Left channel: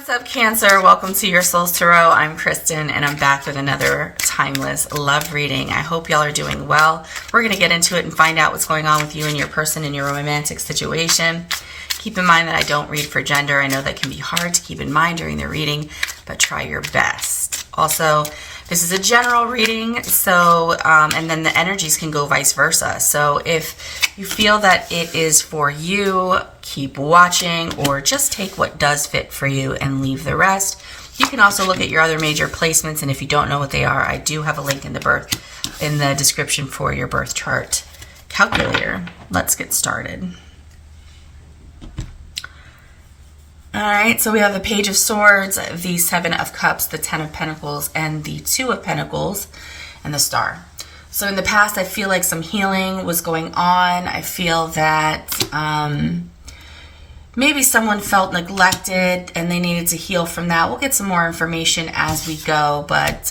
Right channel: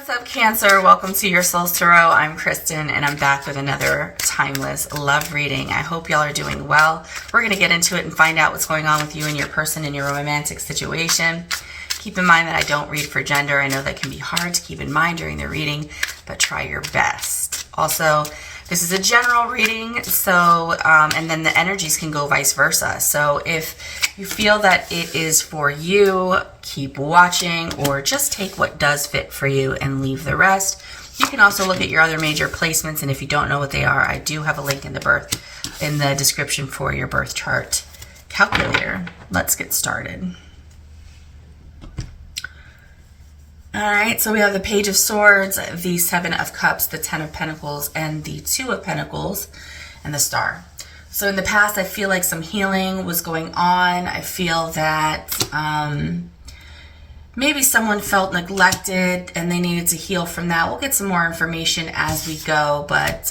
What's up, Cancer? Welcome to your Soul's Tarot. I'm Kristen, and I'm back with another timeless love reading. I hope y'all are doing well. We're going to get into it and find out what's going on with you and your person in your romantic situation. Keep in mind that I don't read for gender. I know that can be hard to keep in mind during the reading, but try your best. Also, this is a general reading, so and then the energies can go vice versa. So if you feel that it is for you, keep watching, or just take what does fit for you and leave the rest. You can also look at your other major placements, and if you don't know what they are, I do have a link in the description for your birth chart calculator. Let's get started. All right, so we have the Page of Swords, the Seven of Cups, the Ten of Pentacles, and the Two of Pentacles, and the Star. So in the past, I feel like some healing was going on. I feel that maybe someone felt neglected and they needed to heal from that. We'll get some more information as we go, but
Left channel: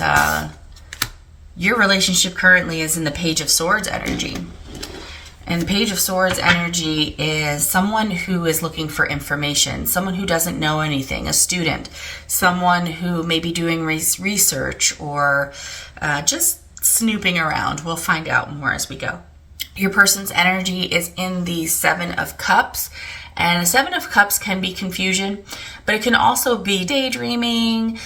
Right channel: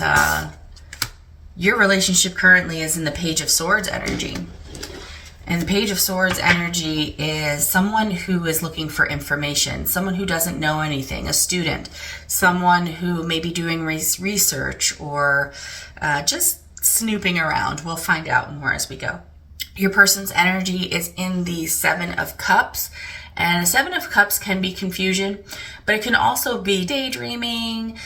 your relationship currently is in the Page of Swords energy. And the Page of Swords energy is someone who is looking for information, someone who doesn't know anything, a student, someone who may be doing research or just snooping around. We'll find out more as we go. Your person's energy is in the Seven of Cups, and the Seven of Cups can be confusion, but it can also be daydreaming,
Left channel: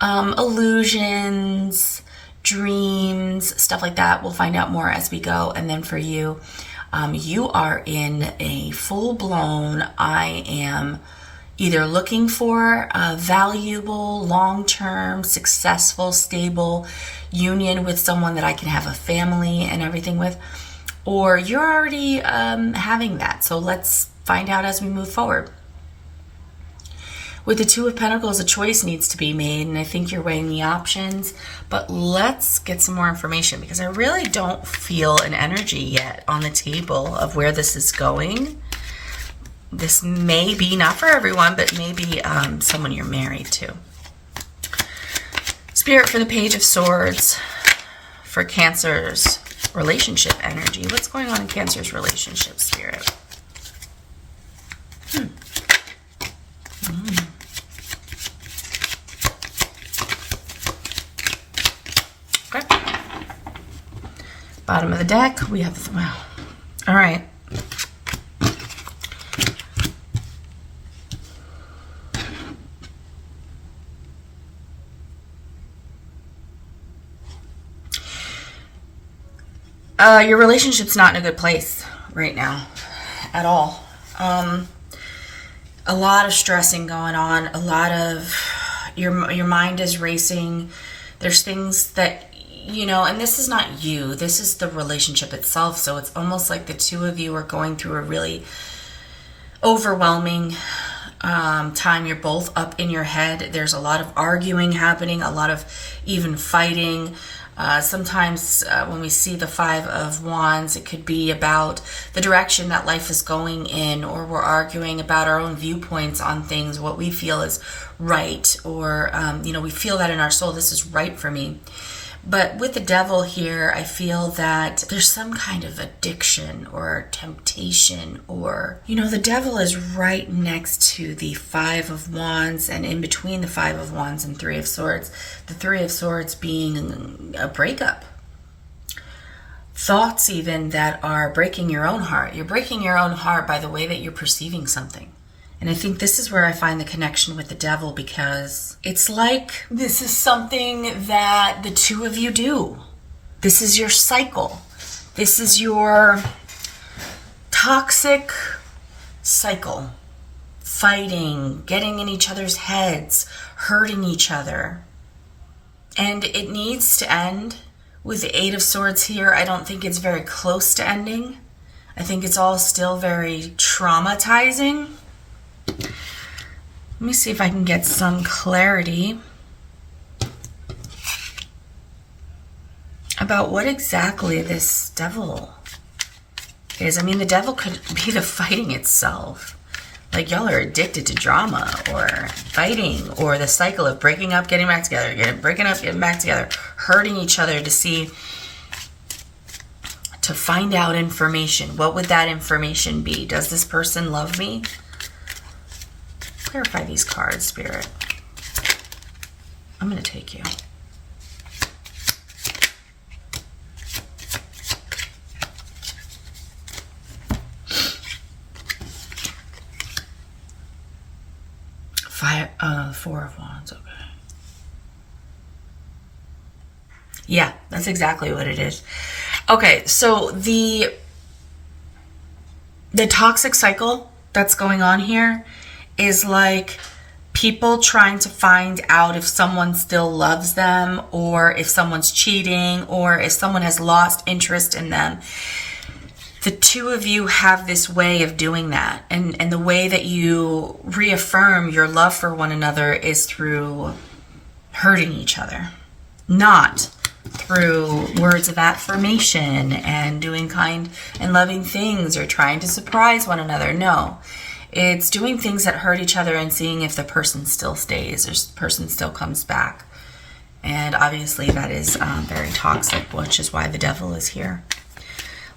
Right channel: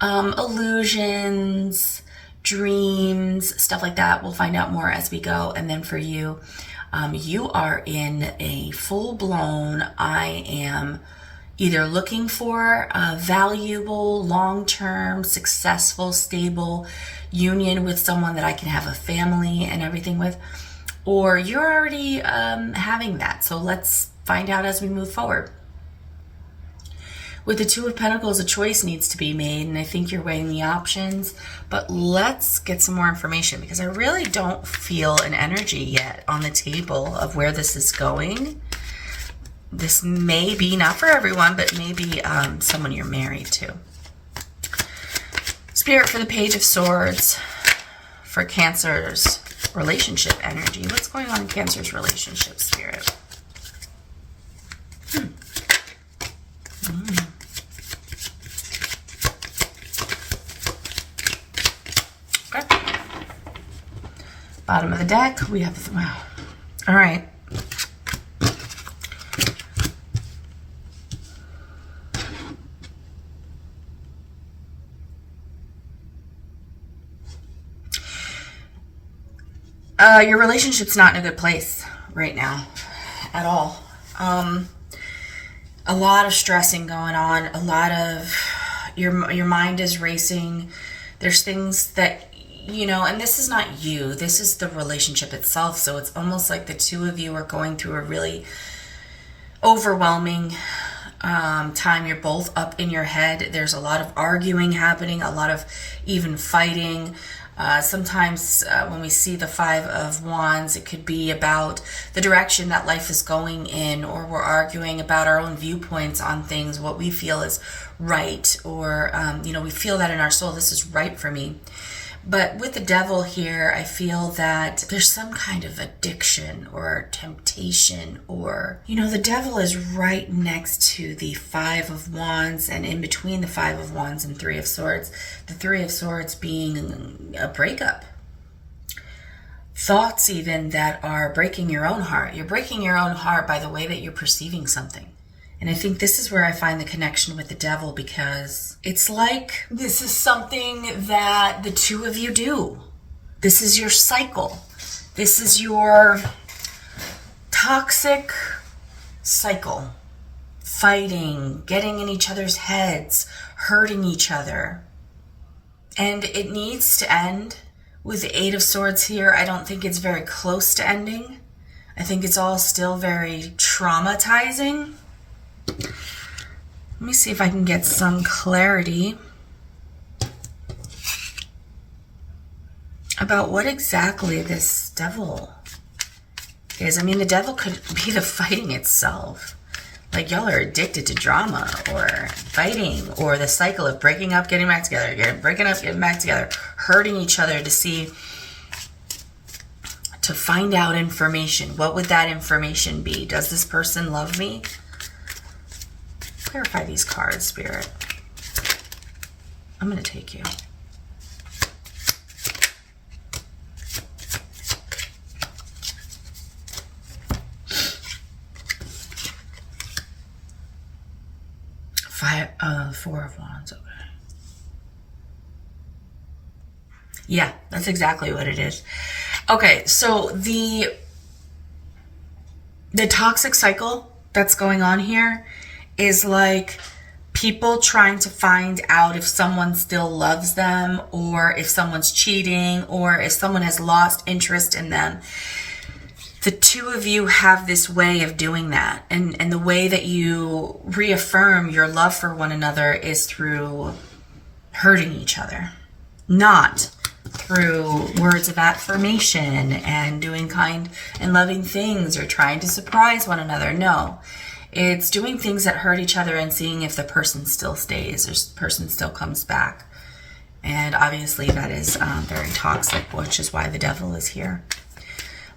illusions, dreams, stuff like that. We'll find out more as we go. And then for you, you are in a full-blown, I am either looking for a valuable, long-term, successful, stable union with someone that I can have a family and everything with, or you're already having that. So let's find out as we move forward. With the Two of Pentacles, a choice needs to be made, and I think you're weighing the options. But let's get some more information, because I really don't feel an energy yet on the table of where this is going. This may be not for everyone, but maybe someone you're married to. Spirit for the Page of Swords for Cancer's relationship energy. What's going on in Cancer's relationship, Spirit? Okay. Bottom of the deck, we have, wow. All right. Your relationship's not in a good place right now at all. A lot of stressing going on, a lot of your mind is racing. There's things that, you know, and this is not you, this is the relationship itself. So it's almost like the two of you are going through a really overwhelming time. You're both up in your head. There's a lot of arguing happening, a lot of even fighting. Sometimes when we see the Five of Wands, it could be about the direction that life is going in, or we're arguing about our own viewpoints on things, what we feel is right, or, you know, we feel that in our soul, this is right for me. But with the Devil here, I feel that there's some kind of addiction or temptation, or, you know, the Devil is right next to the Five of Wands, and in between the Five of Wands and Three of Swords, the Three of Swords being a breakup. Thoughts even that are breaking your own heart. You're breaking your own heart by the way that you're perceiving something. And I think this is where I find the connection with the Devil, because it's like this is something that the two of you do. This is your cycle. This is your toxic cycle. Fighting, getting in each other's heads, hurting each other. And it needs to end. With the Eight of Swords here, I don't think it's very close to ending. I think it's all still very traumatizing. Let me see if I can get some clarity about what exactly this Devil is. I mean, the Devil could be the fighting itself. Like, y'all are addicted to drama or fighting, or the cycle of breaking up, getting back together, breaking up, getting back together, hurting each other to find out information. What would that information be? Does this person love me? Clarify these cards, Spirit. I'm going to take you. Four of Wands, okay. Yeah, that's exactly what it is. Okay, so the toxic cycle that's going on here is like people trying to find out if someone still loves them, or if someone's cheating, or if someone has lost interest in them. The two of you have this way of doing that. And the way that you reaffirm your love for one another is through hurting each other, not through words of affirmation and doing kind and loving things or trying to surprise one another. No, it's doing things that hurt each other and seeing if the person still stays or the person still comes back. And obviously that is very toxic, which is why the devil is here.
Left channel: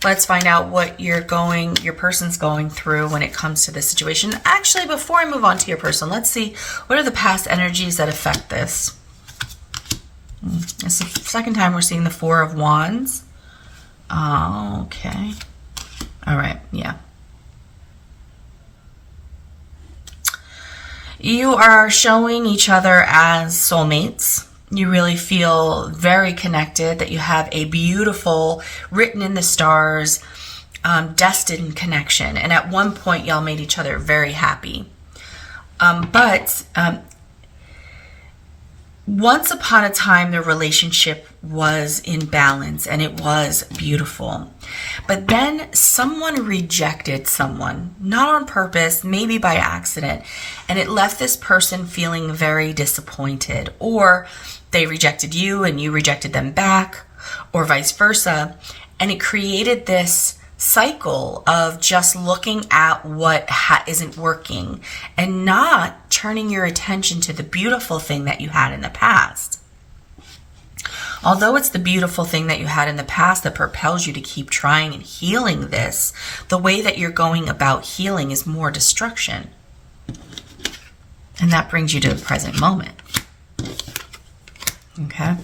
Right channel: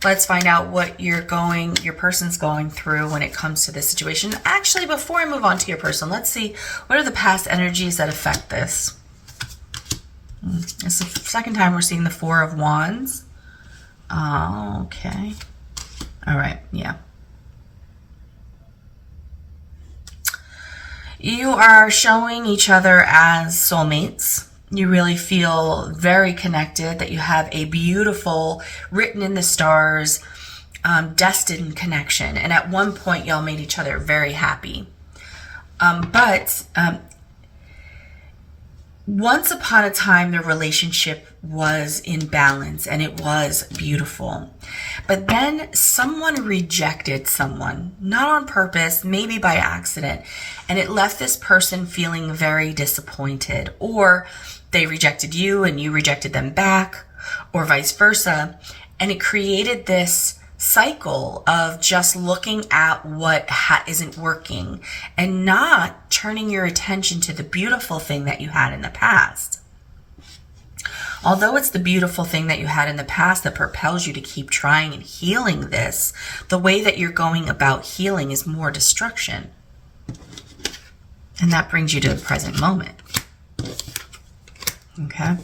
Let's find out what your person's going through when it comes to this situation. Actually, before I move on to your person, let's see what are the past energies that affect this. It's the second time we're seeing the Four of Wands. Oh, okay. All right, yeah. You are showing each other as soulmates. You really feel very connected, that you have a beautiful, written in the stars, destined connection. And at one point, y'all made each other very happy. But once upon a time, the relationship was in balance and it was beautiful. But then someone rejected someone, not on purpose, maybe by accident. And it left this person feeling very disappointed, or they rejected you and you rejected them back, or vice versa. And it created this cycle of just looking at what isn't working and not turning your attention to the beautiful thing that you had in the past. Although it's the beautiful thing that you had in the past that propels you to keep trying and healing this, the way that you're going about healing is more destruction. And that brings you to the present moment. Okay.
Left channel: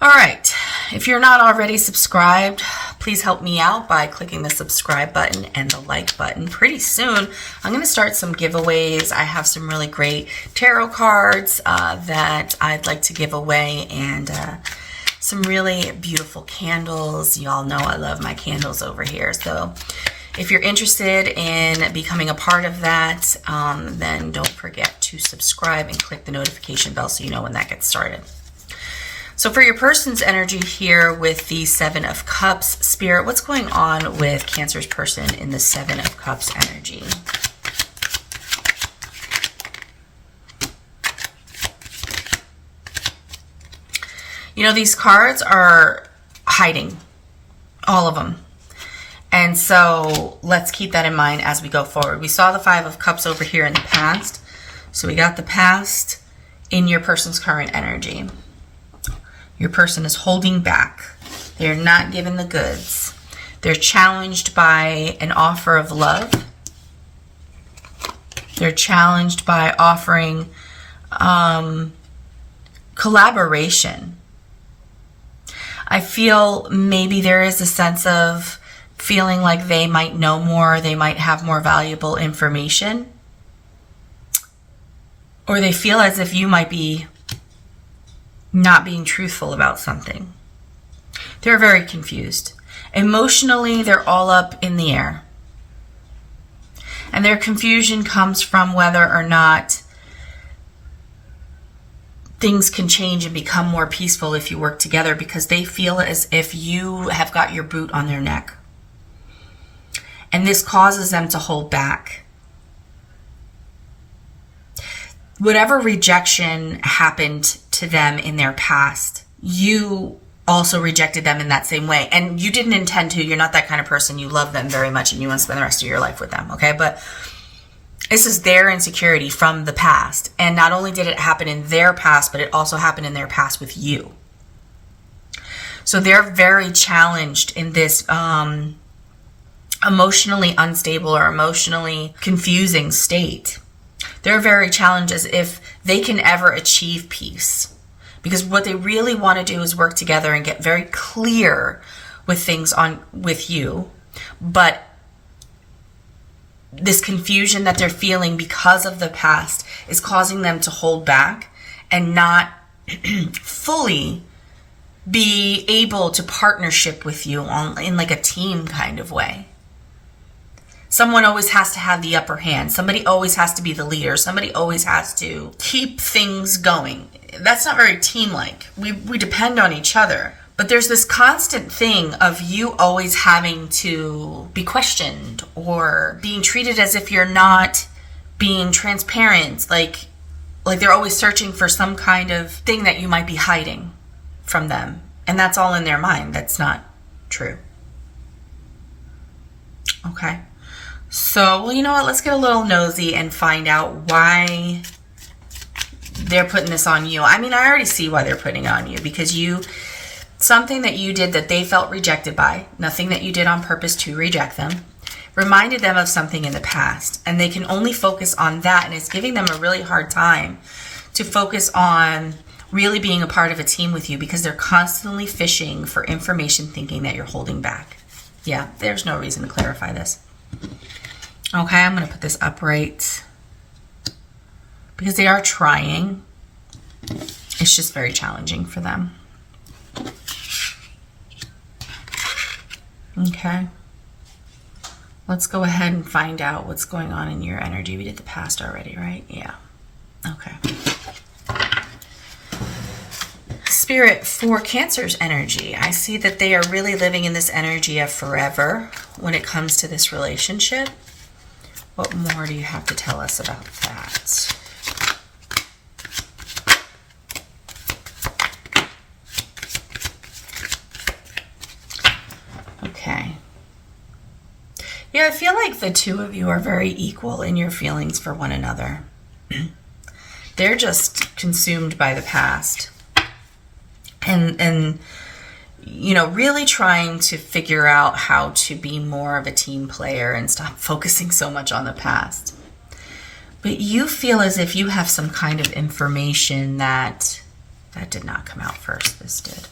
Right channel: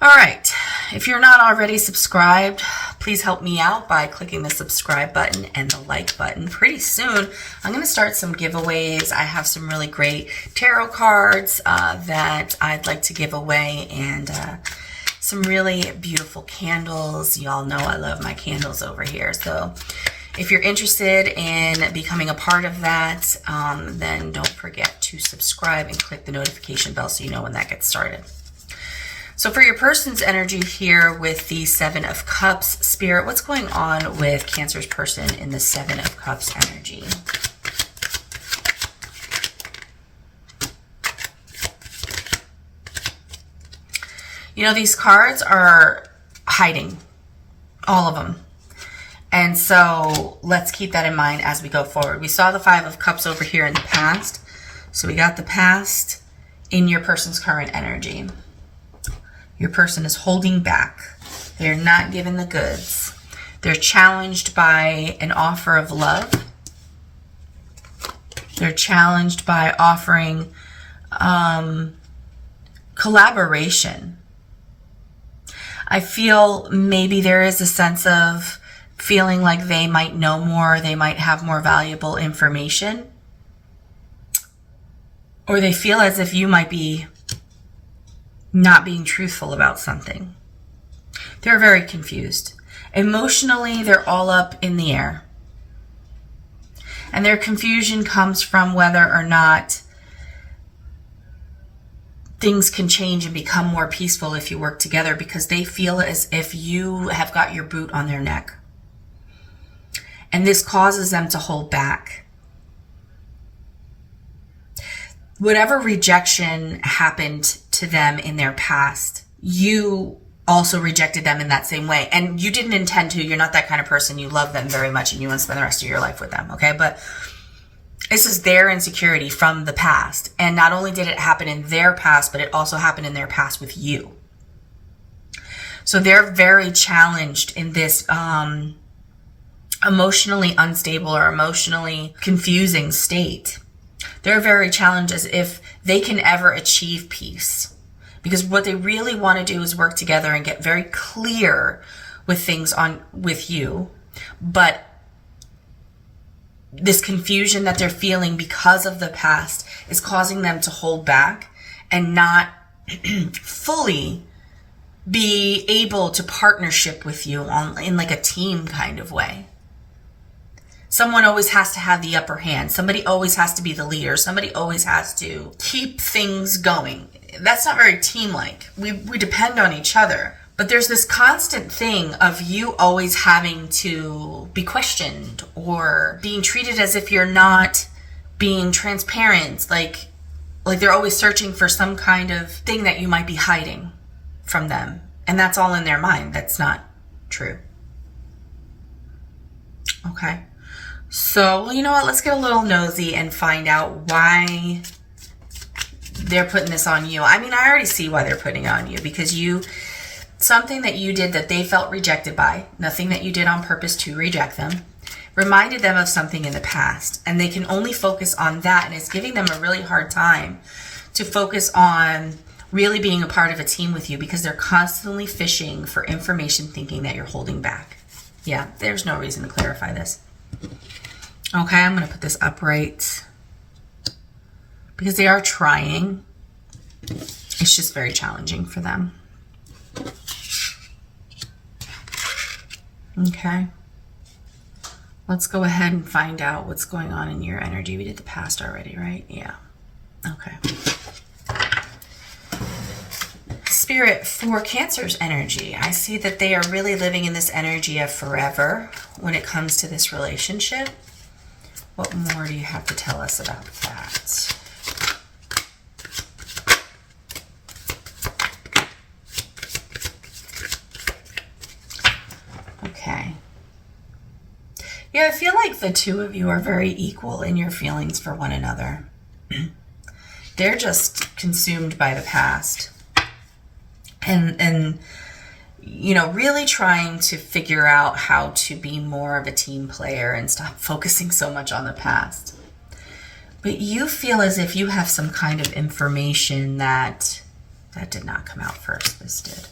All right. If you're not already subscribed, please help me out by clicking the subscribe button and the like button. Pretty soon, I'm going to start some giveaways. I have some really great tarot cards that I'd like to give away, and some really beautiful candles. Y'all know I love my candles over here. So if you're interested in becoming a part of that, then don't forget to subscribe and click the notification bell so you know when that gets started. So for your person's energy here with the Seven of Cups, Spirit, what's going on with Cancer's person in the Seven of Cups energy? You know, these cards are hiding, all of them. And so let's keep that in mind as we go forward. We saw the Five of Cups over here in the past. So we got the past in your person's current energy. Your person is holding back. They're not giving the goods. They're challenged by an offer of love. They're challenged by offering collaboration. I feel maybe there is a sense of feeling like they might know more, they might have more valuable information, or they feel as if you might be not being truthful about something. They're very confused. Emotionally, they're all up in the air. And their confusion comes from whether or not things can change and become more peaceful if you work together, because they feel as if you have got your boot on their neck. And this causes them to hold back. Whatever rejection happened to them in their past, you also rejected them in that same way. And you didn't intend to. You're not that kind of person. You love them very much and you want to spend the rest of your life with them. Okay. But this is their insecurity from the past. And not only did it happen in their past, but it also happened in their past with you. So they're very challenged in this emotionally unstable or emotionally confusing state. They're very challenged as if they can ever achieve peace. Because what they really want to do is work together and get very clear with things with you. But this confusion that they're feeling because of the past is causing them to hold back and not fully be able to partnership with you in like a team kind of way. Someone always has to have the upper hand. Somebody always has to be the leader. Somebody always has to keep things going. That's not very team-like. We depend on each other. But there's this constant thing of you always having to be questioned or being treated as if you're not being transparent. Like they're always searching for some kind of thing that you might be hiding from them. And that's all in their mind. That's not true. Okay. So, well, you know what? Let's get a little nosy and find out why they're putting this on you. I mean, I already see why they're putting it on you, because something that you did that they felt rejected by, nothing that you did on purpose to reject them, reminded them of something in the past, and they can only focus on that, and it's giving them a really hard time to focus on really being a part of a team with you, because they're constantly fishing for information, thinking that you're holding back. Yeah, there's no reason to clarify this. Okay, I'm going to put this upright because they are trying. It's just very challenging for them. Okay. Let's go ahead and find out what's going on in your energy. We did the past already, right? Yeah. Okay. Spirit, for Cancer's energy, I see that they are really living in this energy of forever when it comes to this relationship. What more do you have to tell us about that? Okay. Yeah, I feel like the two of you are very equal in your feelings for one another. They're just consumed by the past. And you know, really trying to figure out how to be more of a team player and stop focusing so much on the past. But you feel as if you have some kind of information that did not come out first, this did.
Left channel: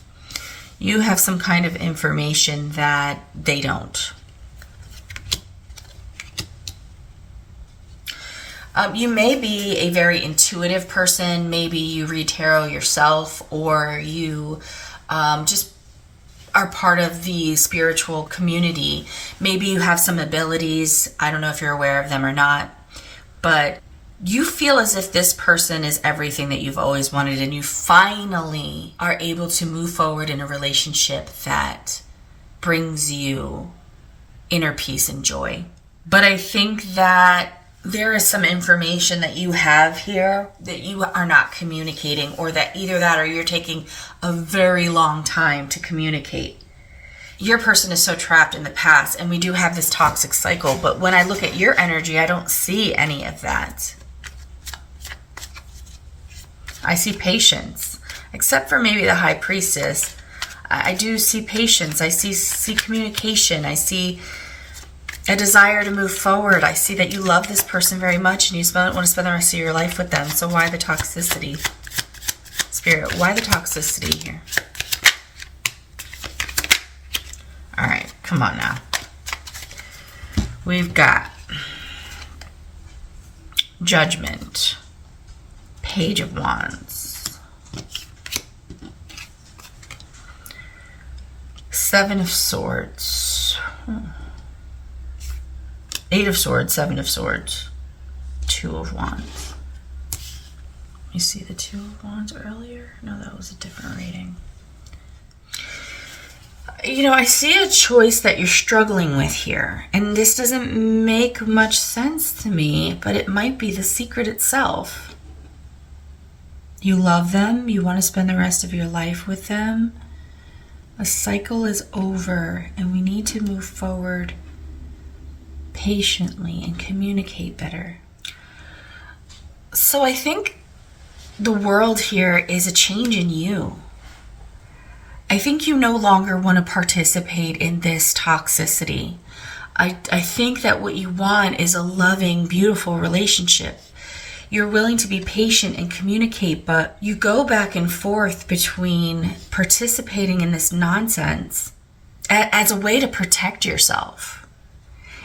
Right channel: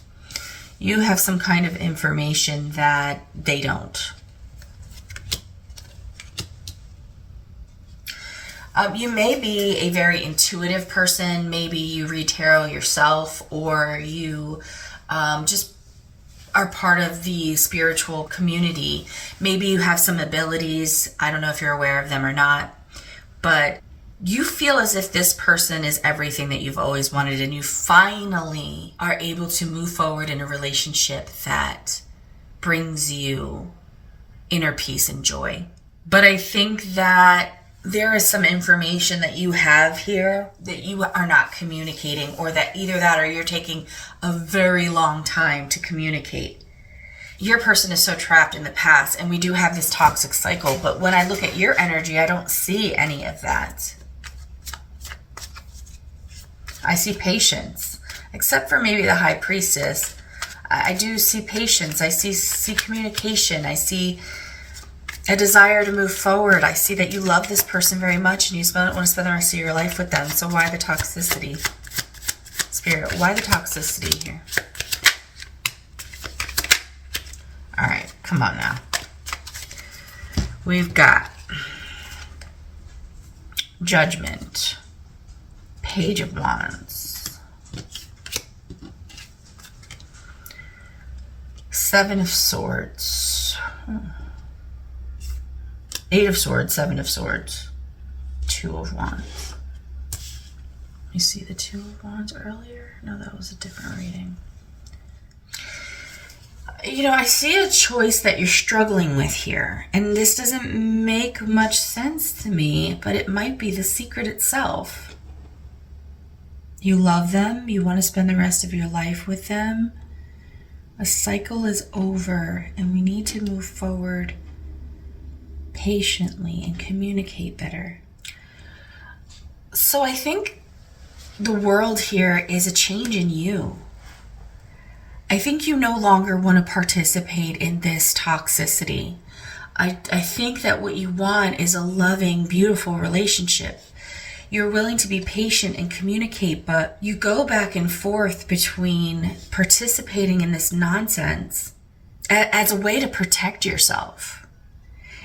You have some kind of information that they don't. You may be a very intuitive person. Maybe you read tarot yourself, or you just are part of the spiritual community. Maybe you have some abilities. I don't know if you're aware of them or not, but you feel as if this person is everything that you've always wanted, and you finally are able to move forward in a relationship that brings you inner peace and joy. But I think that there is some information that you have here that you are not communicating, or that either that or you're taking a very long time to communicate. Your person is so trapped in the past, and we do have this toxic cycle, but when I look at your energy, I don't see any of that. I see patience, except for maybe the High Priestess. I do see patience. I see communication. I see a desire to move forward. I see that you love this person very much and you want to spend the rest of your life with them. So why the toxicity? Spirit, why the toxicity here? All right, come on now. We've got Judgment, Page of Wands, Seven of Swords, Eight of Swords, Seven of Swords, Two of Wands. You see the Two of Wands earlier? No, that was a different reading. You know, I see a choice that you're struggling with here, and this doesn't make much sense to me, but it might be the secret itself. You love them, you want to spend the rest of your life with them. A cycle is over, and we need to move forward patiently and communicate better. So I think the world here is a change in you. I think you no longer want to participate in this toxicity. I think that what you want is a loving, beautiful relationship. You're willing to be patient and communicate, but you go back and forth between participating in this nonsense as a way to protect yourself.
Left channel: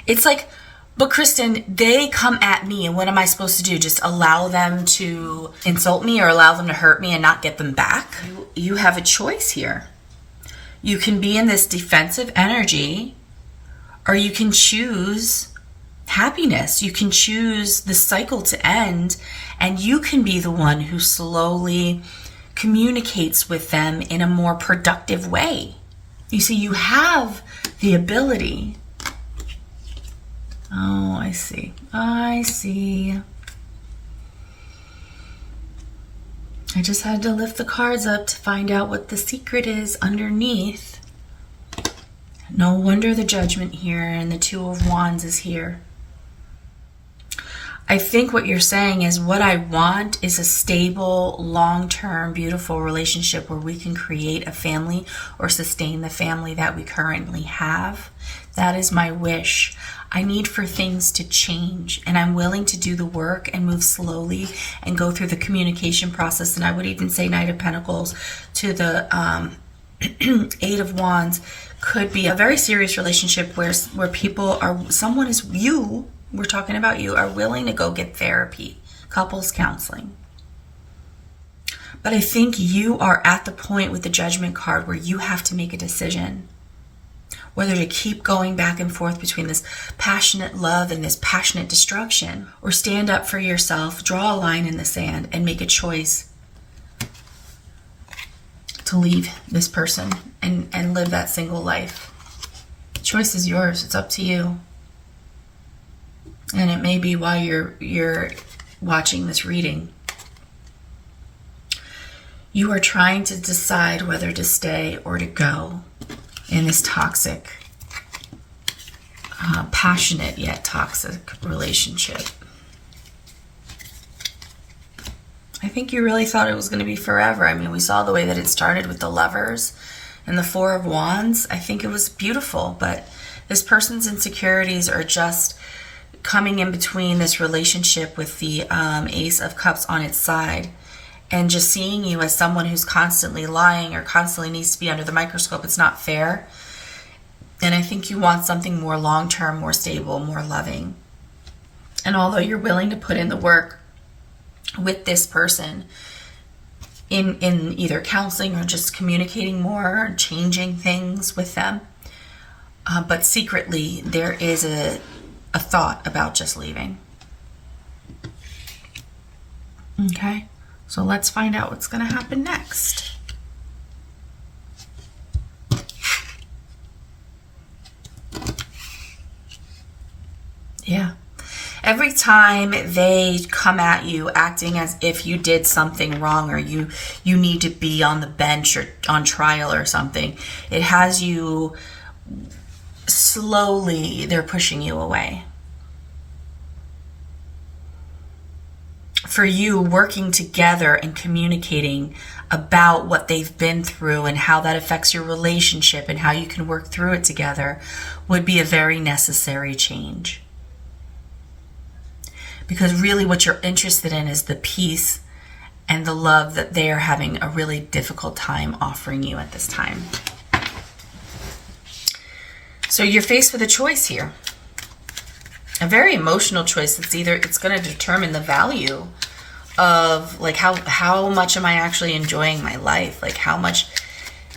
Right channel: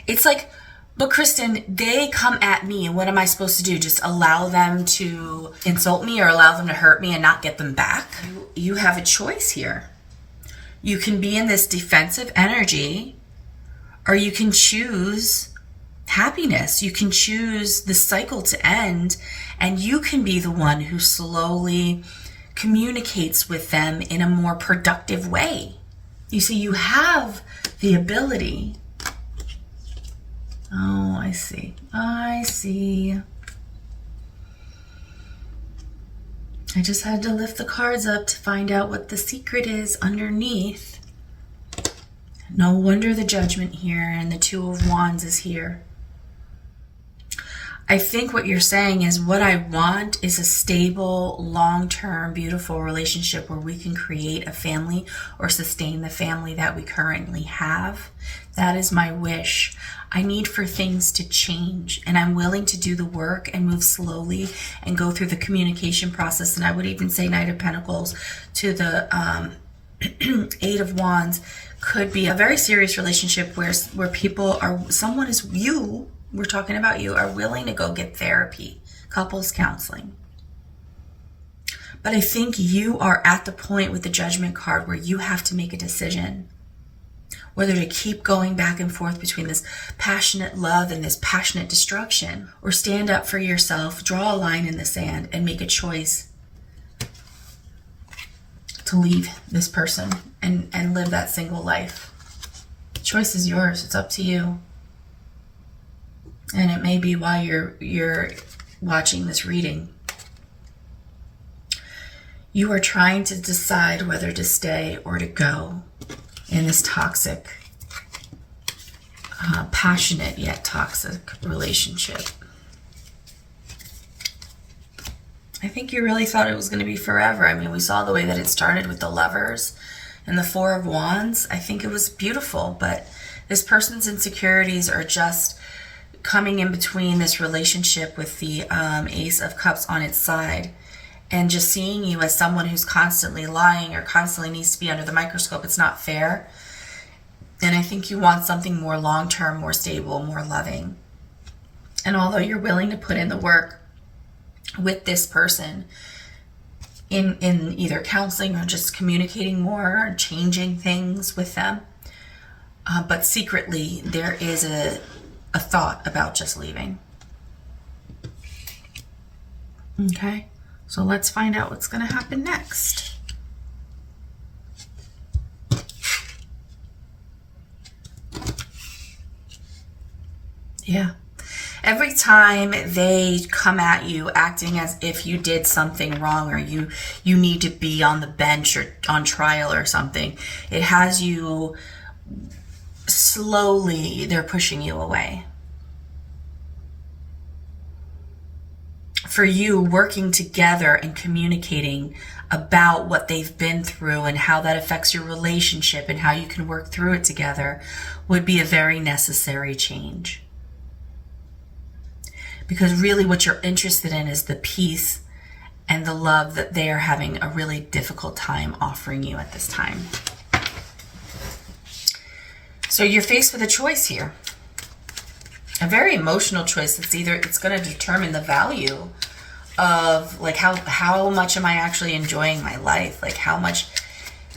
It's like, but Kristen, they come at me, and what am I supposed to do? Just allow them to insult me or allow them to hurt me and not get them back? You have a choice here. You can be in this defensive energy, or you can choose happiness. You can choose the cycle to end, and you can be the one who slowly communicates with them in a more productive way. You see, you have the ability. Oh, I see. I see. I just had to lift the cards up to find out what the secret is underneath. No wonder the Judgment here and the Two of Wands is here. I think what you're saying is, what I want is a stable, long-term, beautiful relationship where we can create a family or sustain the family that we currently have. That is my wish. I need for things to change, and I'm willing to do the work and move slowly and go through the communication process. And I would even say Knight of Pentacles to the Eight of Wands could be a very serious relationship where people are, someone is, you, we're talking about you, are willing to go get therapy, couples counseling. But I think you are at the point with the Judgment card where you have to make a decision whether to keep going back and forth between this passionate love and this passionate destruction, or stand up for yourself, draw a line in the sand, and make a choice to leave this person and live that single life. The choice is yours. It's up to you. And it may be why you're watching this reading. You are trying to decide whether to stay or to go in this toxic, passionate yet toxic relationship. I think you really thought it was going to be forever. I mean, we saw the way that it started with the Lovers and the Four of Wands. I think it was beautiful, but this person's insecurities are just coming in between this relationship with the Ace of Cups on its side, and just seeing you as someone who's constantly lying or constantly needs to be under the microscope. It's not fair. And I think you want something more long-term, more stable, more loving. And although you're willing to put in the work with this person in either counseling or just communicating more or changing things with them, but secretly there is a thought about just leaving. Okay? So let's find out what's going to happen next. Yeah. Every time they come at you acting as if you did something wrong, or you need to be on the bench or on trial or something, it has you slowly, they're pushing you away. For you, working together and communicating about what they've been through and how that affects your relationship and how you can work through it together would be a very necessary change. Because really what you're interested in is the peace and the love that they are having a really difficult time offering you at this time. So you're faced with a choice here. A very emotional choice. It's going to determine the value of, like, how much am I actually enjoying my life? Like, how much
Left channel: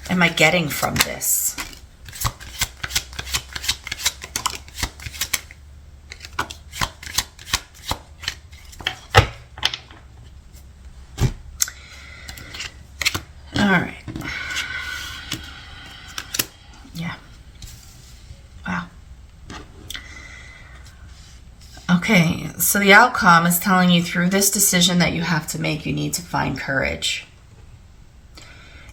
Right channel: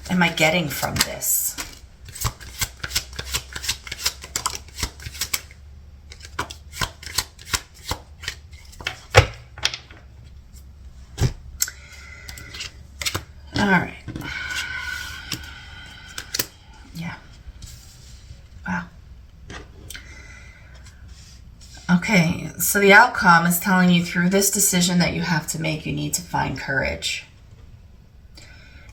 am I getting from this? All right. Yeah. Wow. Okay, so the outcome is telling you through this decision that you have to make, you need to find courage.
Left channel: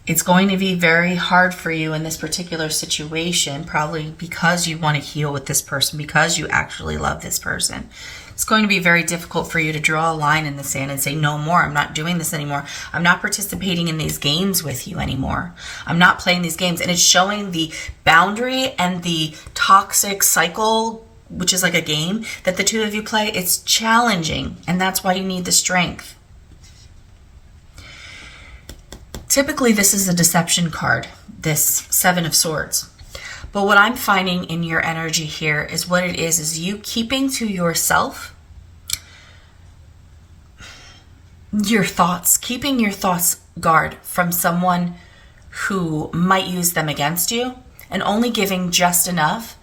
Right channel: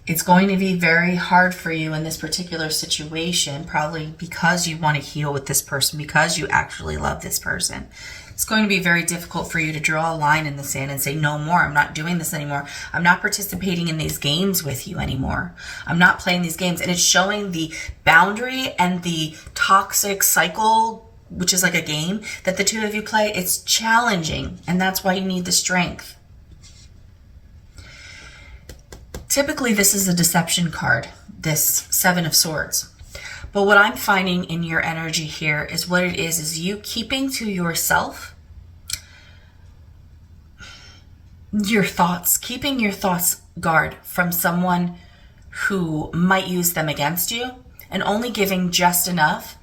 It's going to be very hard for you in this particular situation, probably because you want to heal with this person, because you actually love this person. It's going to be very difficult for you to draw a line in the sand and say, no more, I'm not doing this anymore. I'm not participating in these games with you anymore. I'm not playing these games. And it's showing the boundary and the toxic cycle, which is like a game that the two of you play. It's challenging, and that's why you need the strength. Typically, this is a deception card, this Seven of Swords. But what I'm finding in your energy here is what it is you keeping to yourself your thoughts, keeping your thoughts guard from someone who might use them against you, and only giving just enough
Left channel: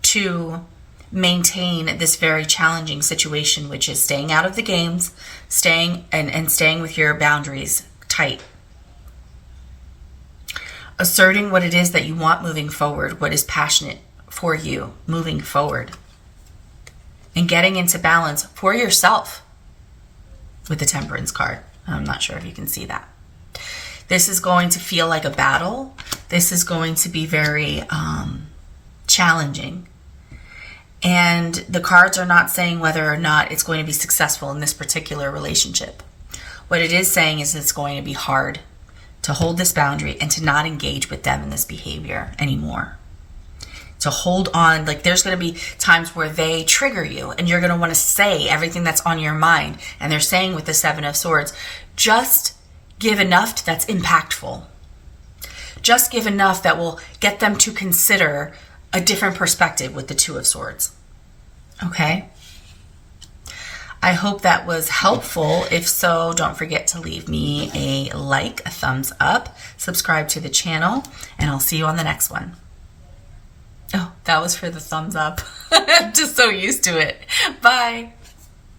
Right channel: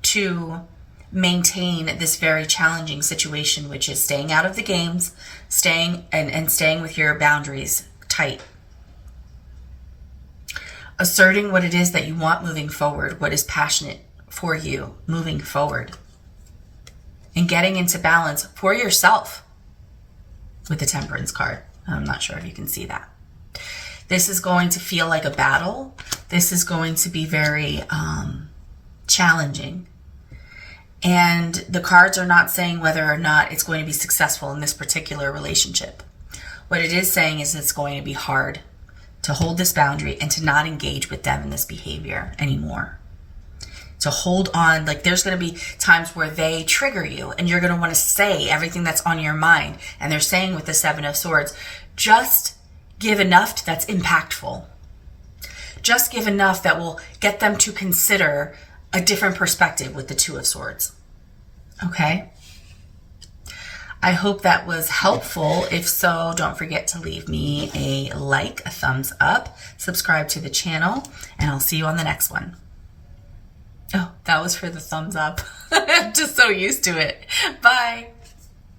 to maintain this very challenging situation, which is staying out of the games, staying with your boundaries tight. Asserting what it is that you want moving forward, what is passionate for you moving forward. And getting into balance for yourself with the Temperance card. I'm not sure if you can see that. This is going to feel like a battle. This is going to be very challenging. And the cards are not saying whether or not it's going to be successful in this particular relationship. What it is saying is it's going to be hard to hold this boundary and to not engage with them in this behavior anymore. To hold on, like there's going to be times where they trigger you and you're going to want to say everything that's on your mind. And they're saying with the Seven of Swords, just give enough that's impactful. Just give enough that will get them to consider a different perspective with the Two of Swords. Okay? I hope that was helpful. If so, don't forget to leave me a like, a thumbs up, subscribe to the channel, and I'll see you on the next one. Oh, that was for the thumbs up. I'm just so used to it. Bye.